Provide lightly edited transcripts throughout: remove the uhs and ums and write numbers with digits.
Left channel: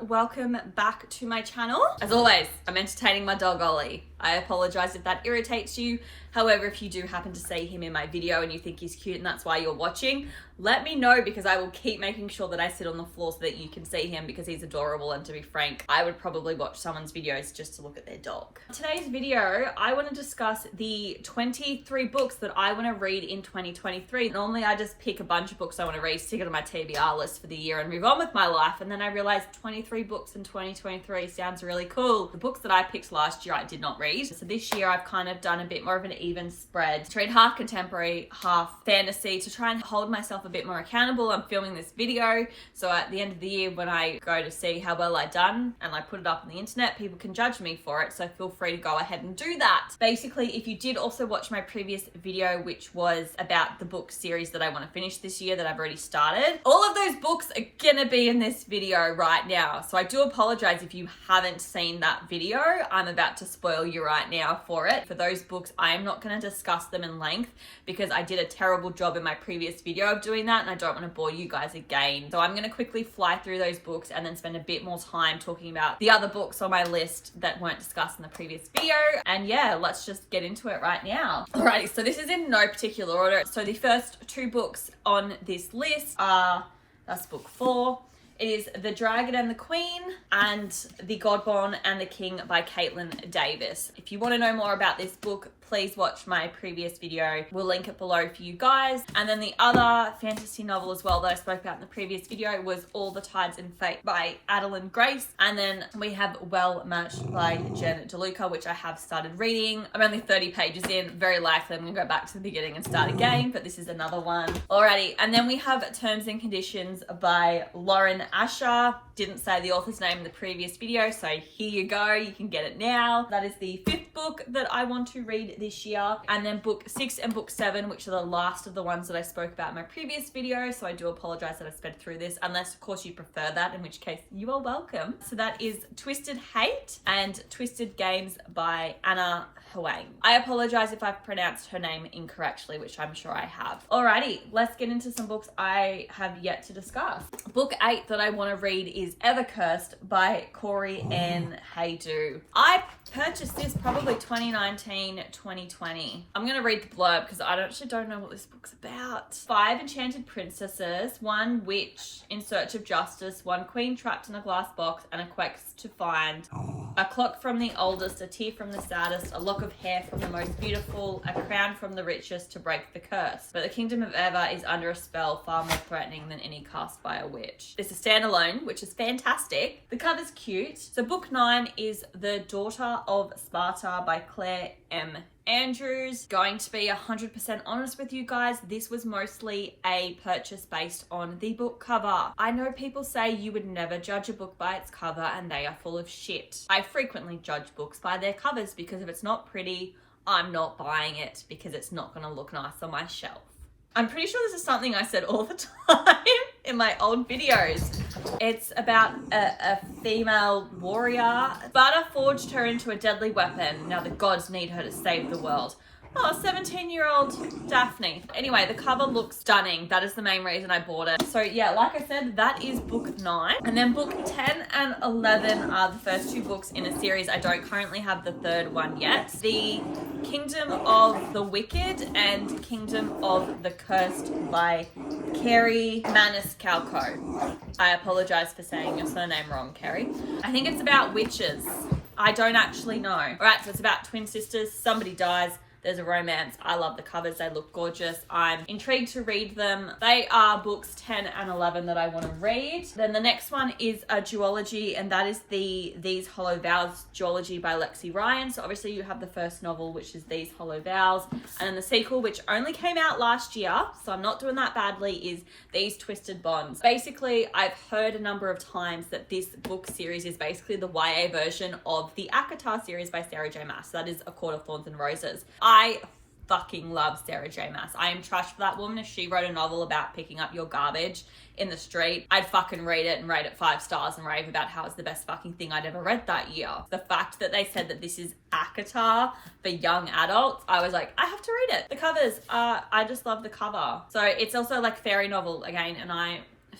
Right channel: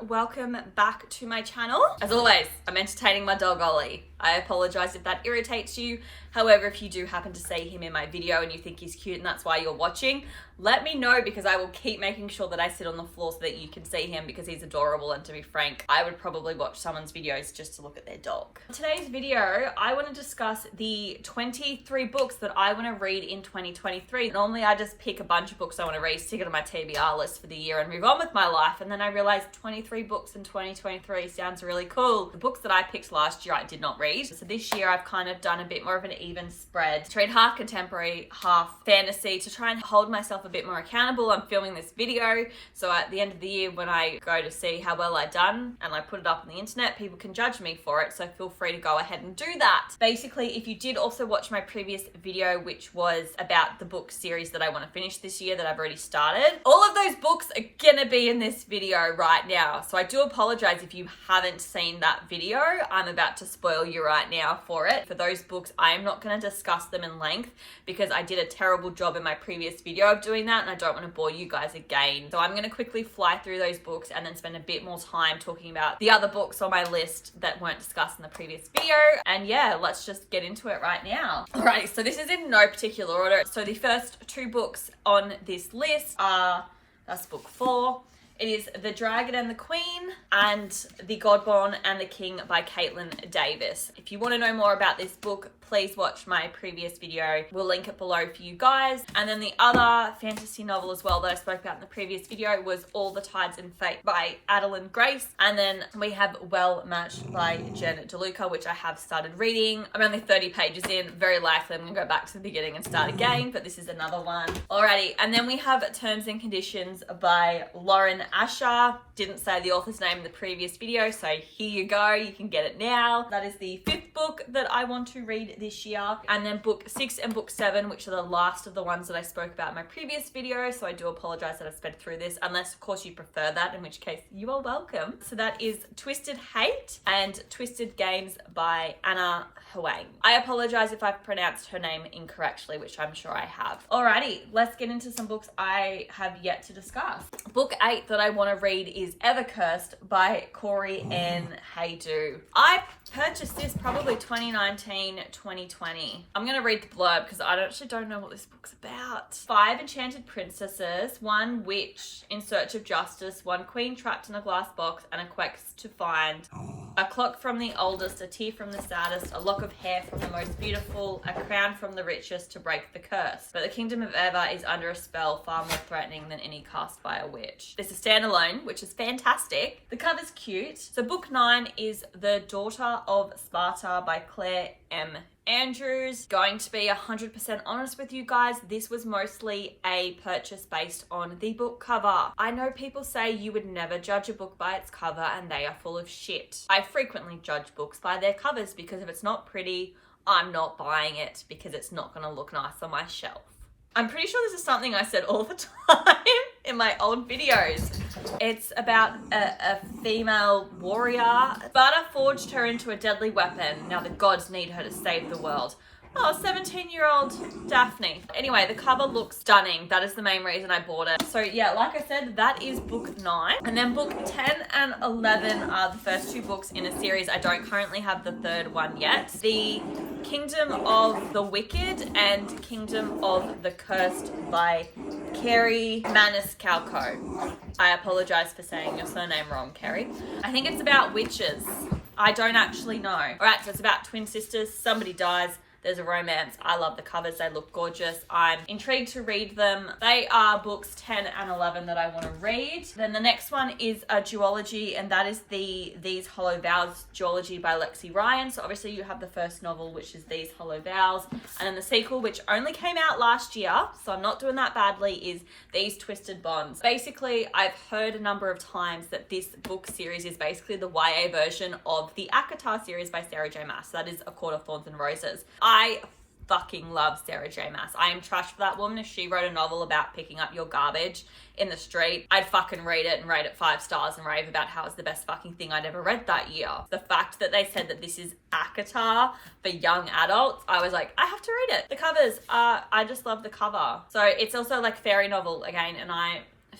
welcome back to my channel. As always, I'm entertaining my dog Ollie. I apologize if that irritates you. However, if you do happen to see him in my video and you think he's cute and that's why you're watching, let me know because I will keep making sure that I sit on the floor so that you can see him because he's adorable. And to be frank, I would probably watch someone's videos just to look at their dog. In today's video, I want to discuss the 23 books that I want to read in 2023. Normally, I just pick a bunch of books I want to read, stick it on my TBR list for the year and move on with my life. And then I realized 23 books in 2023 sounds really cool. The books that I picked last year, I did not read. So this year, I've kind of done a bit more of an even spread to read half contemporary, half fantasy to try and hold myself a bit more accountable. I'm filming this video, so at the end of the year when I go to see how well I've done and I put it up on the internet, people can judge me for it, so feel free to go ahead and do that. Basically, if you did also watch my previous video, which was about the book series that I want to finish this year that I've already started, all of those books are gonna be in this video right now, so I do apologize if you haven't seen that video. I'm about to spoil you right now for it. For those books, I am not going to discuss them in length because I did a terrible job in my previous video of doing that and I don't want to bore you guys again. So I'm going to quickly fly through those books and then spend a bit more time talking about the other books on my list that weren't discussed in the previous video. And yeah, let's just get into it right now. Alrighty, so this is in no particular order. So the first two books on this list are, that's book 4. It is The Dragon and the Queen and The Godborn and the King by Caitlin Davis. If you want to know more about this book, please watch my previous video. We'll link it below for you guys. And then the other fantasy novel as well that I spoke about in the previous video was All the Tides in Fate by Adeline Grace. And then we have Well Matched by Jen DeLuca, which I have started reading. I'm only 30 pages in. Very likely I'm going to go back to the beginning and start again, but this is another one. Alrighty, and then we have Terms and Conditions by Lauren Asher. Didn't say the author's name in the previous video, so here you go. You can get it now. That is the 5th book that I want to read this year. And then book 6 and book 7, which are the last of the ones that I spoke about in my previous video. So I do apologize that I sped through this, unless of course you prefer that, in which case you are welcome. So that is Twisted Hate and Twisted Games by Anna Huang. I apologize if I've pronounced her name incorrectly, which I'm sure I have. Alrighty, let's get into some books I have yet to discuss. Book 8 that I want to read is Evercursed by Corey Ann Haydu. I purchased this probably 2019, 2020. I'm going to read the blurb because I actually don't know what this book's about. 5 enchanted princesses, 1 witch in search of justice, 1 queen trapped in a glass box, and a quest to find. A clock from the oldest, a tear from the saddest, a lock of hair from the most beautiful, a crown from the richest to break the curse. But the kingdom of Ever is under a spell far more threatening than any cast by a witch. This is standalone, which is fantastic. The cover's cute. So book 9 is The Daughter of Sparta by Claire M. Andrews. Going to be 100% honest with you guys, this was mostly a purchase based on the book cover. I know people say you would never judge a book by its cover and they are full of shit. I frequently judge books by their covers because if it's not pretty, I'm not buying it because it's not going to look nice on my shelf. I'm pretty sure this is something I said all the time in my old videos. It's about a female warrior. Sparta forged her into a deadly weapon. Now the gods need her to save the world. Oh, 17-year-old Daphne. Anyway, the cover looks stunning. That is the main reason I bought it. So yeah, like I said, that is book 9. And then book 10 and 11 are the first 2 books in a series. I don't currently have the 3rd one yet. The Kingdom of the Wicked and Kingdom of the Cursed by Kerri Maniscalco. I apologize for saying your surname wrong, Kerri. I think it's about witches. I don't actually know. All right, so it's about twin sisters. Somebody dies. There's a romance. I love the covers. They look gorgeous. I'm intrigued to read them. They are books 10 and 11 that I want to read. Then the next one is a duology, and that is the These Hollow Vows duology by Lexi Ryan. So obviously you have the first novel, which is These Hollow Vows, and then the sequel, which only came out last year, so I'm not doing that badly, is These Twisted Bonds. Basically, I've heard a number of times that this book series is basically the YA version of the ACOTAR series by Sarah J Maas. That is A Court of Thorns and Roses. I fucking love Sarah J Maas. I am trash for that woman. If she wrote a novel about picking up your garbage in the street, I'd fucking read it and rate it 5 stars and rave about how it's the best fucking thing I'd ever read that year. The fact that they said that this is ACOTAR for young adults, I was like, I have to read it. The covers, I just love the cover. So it's also like fairy novel again, and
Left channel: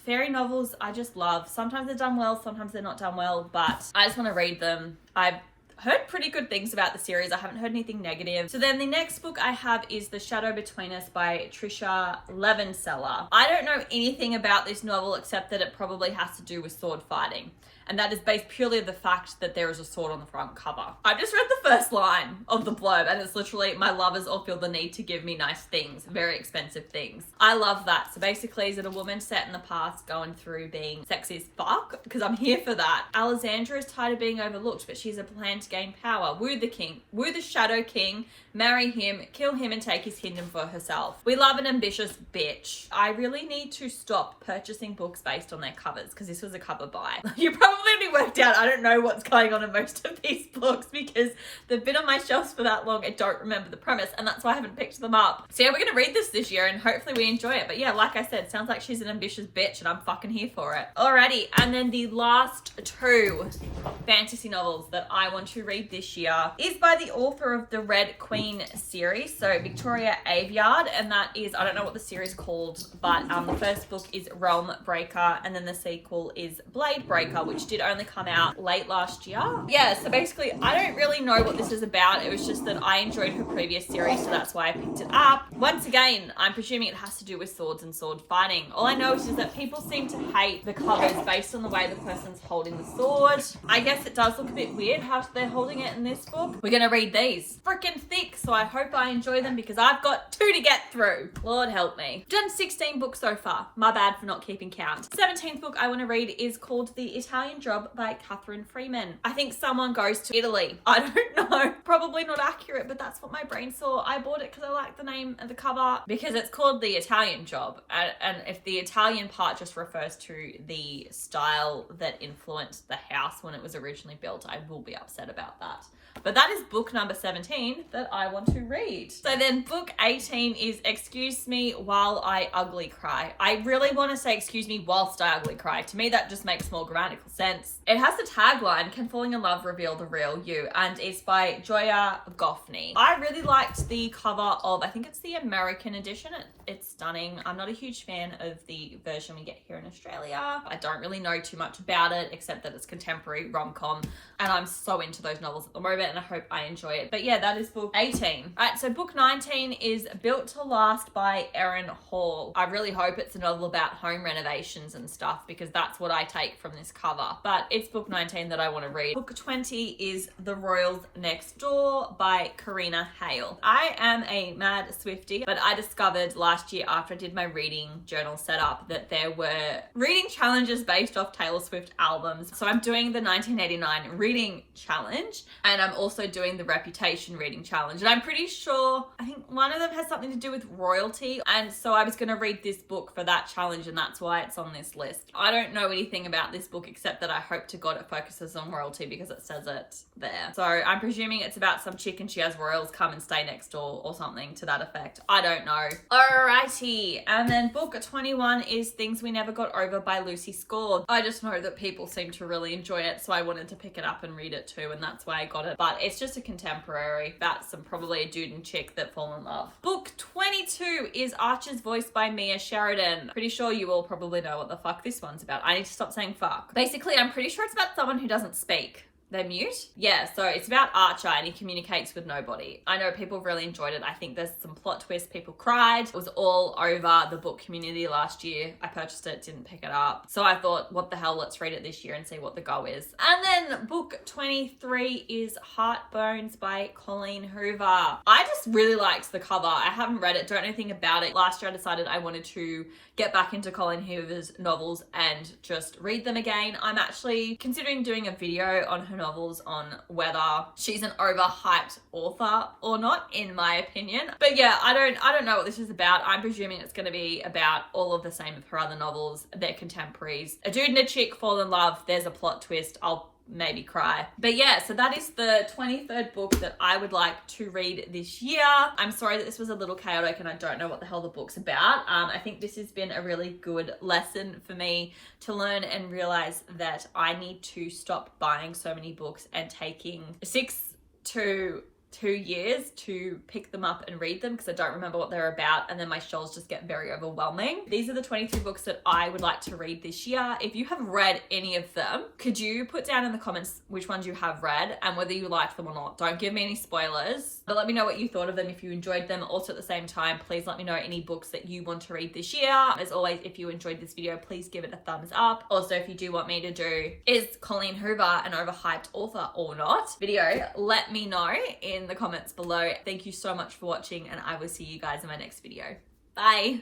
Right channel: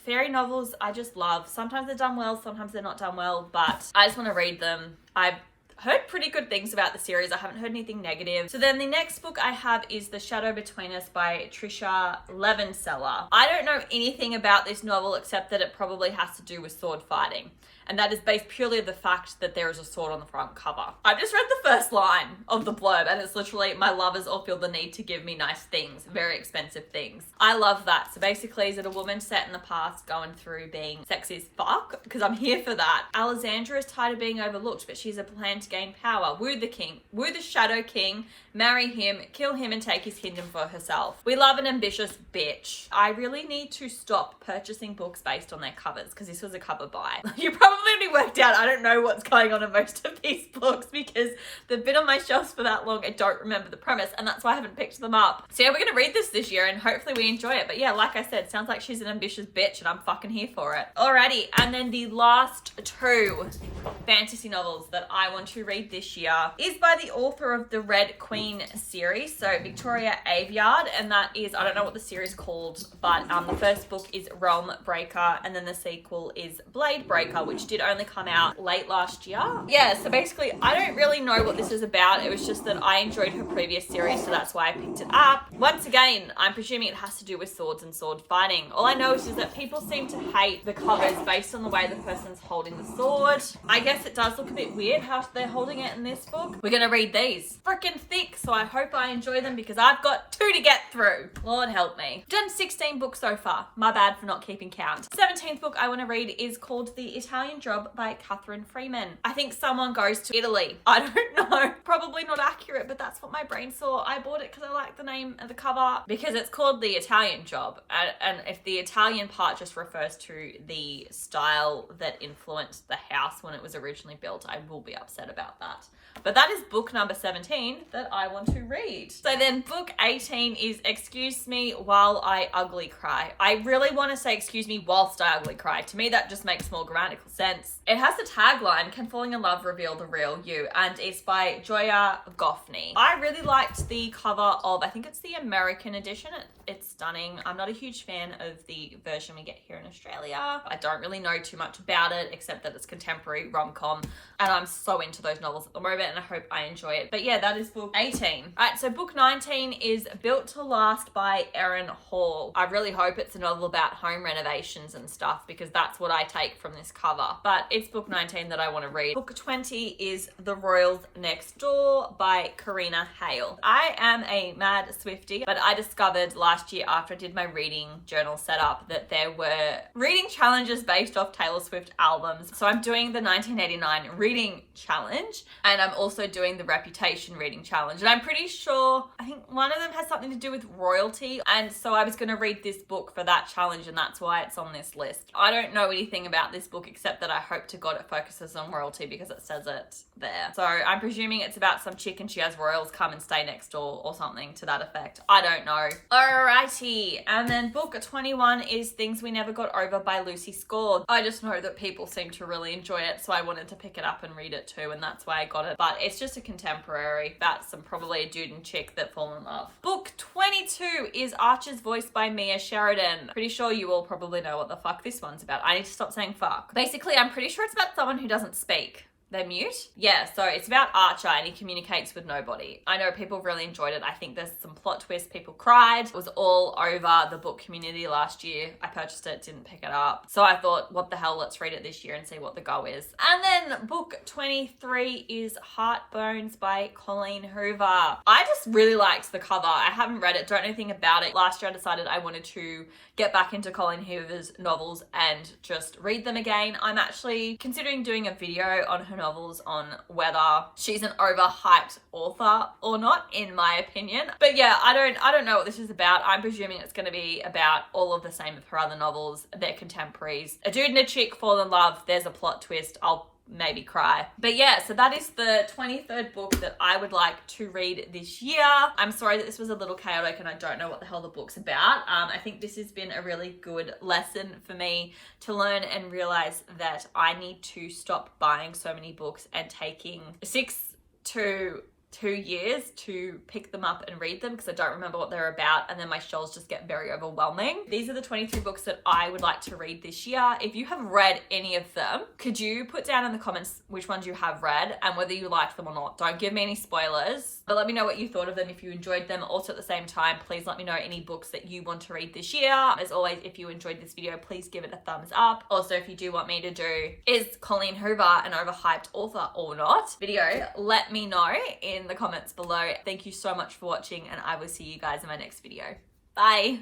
fairy novels I just love. Sometimes they're done well, sometimes they're not done well, but I just want to read them. I've heard pretty good things about the series. I haven't heard anything negative. So then the next book I have is The Shadow Between Us by Trisha Levenseller. I don't know anything about this novel except that it probably has to do with sword fighting. And that is based purely on the fact that there is a sword on the front cover. I've just read the first line of the blurb and it's literally, my lovers all feel the need to give me nice things, very expensive things. I love that. So basically, is it a woman set in the past going through being sexy as fuck? Because I'm here for that. Alexandra is tired of being overlooked, but she has a plan to gain power. Woo the king, woo the Shadow King, marry him, kill him and take his kingdom for herself. We love an ambitious bitch. I really need to stop purchasing books based on their covers because this was a cover buy. You probably already worked out I don't know what's going on in most of these books because they've been on my shelves for that long. I don't remember the premise and that's why I haven't picked them up. So yeah, we're gonna read this year and hopefully we enjoy it. But yeah, like I said, sounds like she's an ambitious bitch and I'm fucking here for it. Alrighty, and then the last two fantasy novels that I want to read this year is by the author of the Red Queen series, so Victoria Aveyard, and that is, I don't know what the series called, but the first book is Realm Breaker and then the sequel is Blade Breaker, which did only come out late last year. Yeah, so basically I don't really know what this is about. It was just that I enjoyed her previous series, so that's why I picked it up. Once again, I'm presuming it has to do with swords and sword fighting. All I know is that people seem to hate the covers based on the way the person's holding the sword. I guess it does look a bit weird how they're holding it in this book. We're gonna read these. Freaking thick, so I hope I enjoy them because I've got 2 to get through. Lord help me. Done 16 books so far. My bad for not keeping count. 17th book I want to read is called The Italian Job by Catherine Freeman. I think someone goes to Italy. I don't know. Probably not accurate, but that's what my brain saw. I bought it because I like the name of the cover because it's called The Italian Job. And if the Italian part just refers to the style that influenced the house when it was originally built, I will be upset about that. But that is book number 17 that I want to read. So then book 18 is Excuse Me While I Ugly Cry. I really want to say excuse me whilst I ugly cry. To me, that just makes more grammatical sense. It has the tagline, Can Falling in Love Reveal the Real You? And it's by Joya Goffney. I really liked the cover of, I think it's the American edition. It's stunning. I'm not a huge fan of the version we get here in Australia. I don't really know too much about it except that it's contemporary rom-com and I'm so into those novels at the moment and I hope I enjoy it. But yeah, that is book 18. All right, so book 19 is Built to Last by Erin Hall. I really hope it's a novel about home renovations and stuff because that's what I take from this cover. But it's book 19 that I want to read. Book 20 is The Royals Next Door by Karina Hale. I am a mad Swiftie, but I discovered last year after I did my reading journal setup that there were reading challenges based off Taylor Swift albums. So I'm doing the 1989 reading challenge and I'm also doing the Reputation reading challenge. And I'm pretty sure, I think one of them has something to do with royalty. And so I was going to read this book for that challenge and that's why it's on this list. I don't know anything about this book except that I hope to God it focuses on royalty because it says it there. So I'm presuming it's about some chick and she has royals come and stay next door or something to that effect. I don't know. Alrighty. And then book 21 is Things We Never Got Over by Lucy Score. I just know that people seem to really enjoy it, so I wanted to pick it up and read it too, and that's why I got it. But it's just a contemporary about some probably a dude and chick that fall in love. Book 22 is Archer's Voice by Mia Sheridan. Pretty sure you all probably know what the fuck this one's about. I need to stop saying fuck. Basically, I'm pretty sure it's about someone who doesn't speak. They're mute? Yeah, so it's about Archer and he communicates with nobody. I know people really enjoyed it. I think there's some plot twists. People cried. It was all over the book community last year. I purchased it, didn't pick it up. So I thought, what the hell, let's read it this year and see what the go is. And then book 23 is Heartbones by Colleen Hoover. I just really liked the cover. I haven't read it, don't know anything about it. Last year I decided I wanted to get back into Colleen Hoover's novels and just read them again. I'm actually considering doing a video on her novels on whether she's an overhyped author or not, in my opinion. But yeah, I don't know what this is about. I'm presuming it's going to be about all of the same of her other novels. They're contemporaries. A dude and a chick fall in love. There's a plot twist. I'll maybe cry. But yeah, so that is the 23rd book that I would like to read this year. I'm sorry that this was a little chaotic and I don't know what the hell the book's about. I think this has been a really good lesson for me to learn and realize that I need to stop buying so many books and taking 6 to 2 years to pick them up and read them because I don't remember what they're about, and then my shelves just get very overwhelming. These are the 23 books that I would like to read this year. If you have read any of them, could you put down in the comments which ones you have read and whether you liked them or not? Don't give me any spoilers, but let me know what you thought of them, if you enjoyed them. Also at the same time, please let me know any books that you want to read this year. As always, if you enjoyed this video, please give it a thumbs up. Also, if you do want me to do is Colleen Hoover an overhyped author or not video, let me know in the comments below. Thank you so much for watching, and I will see you guys in my next video. Bye.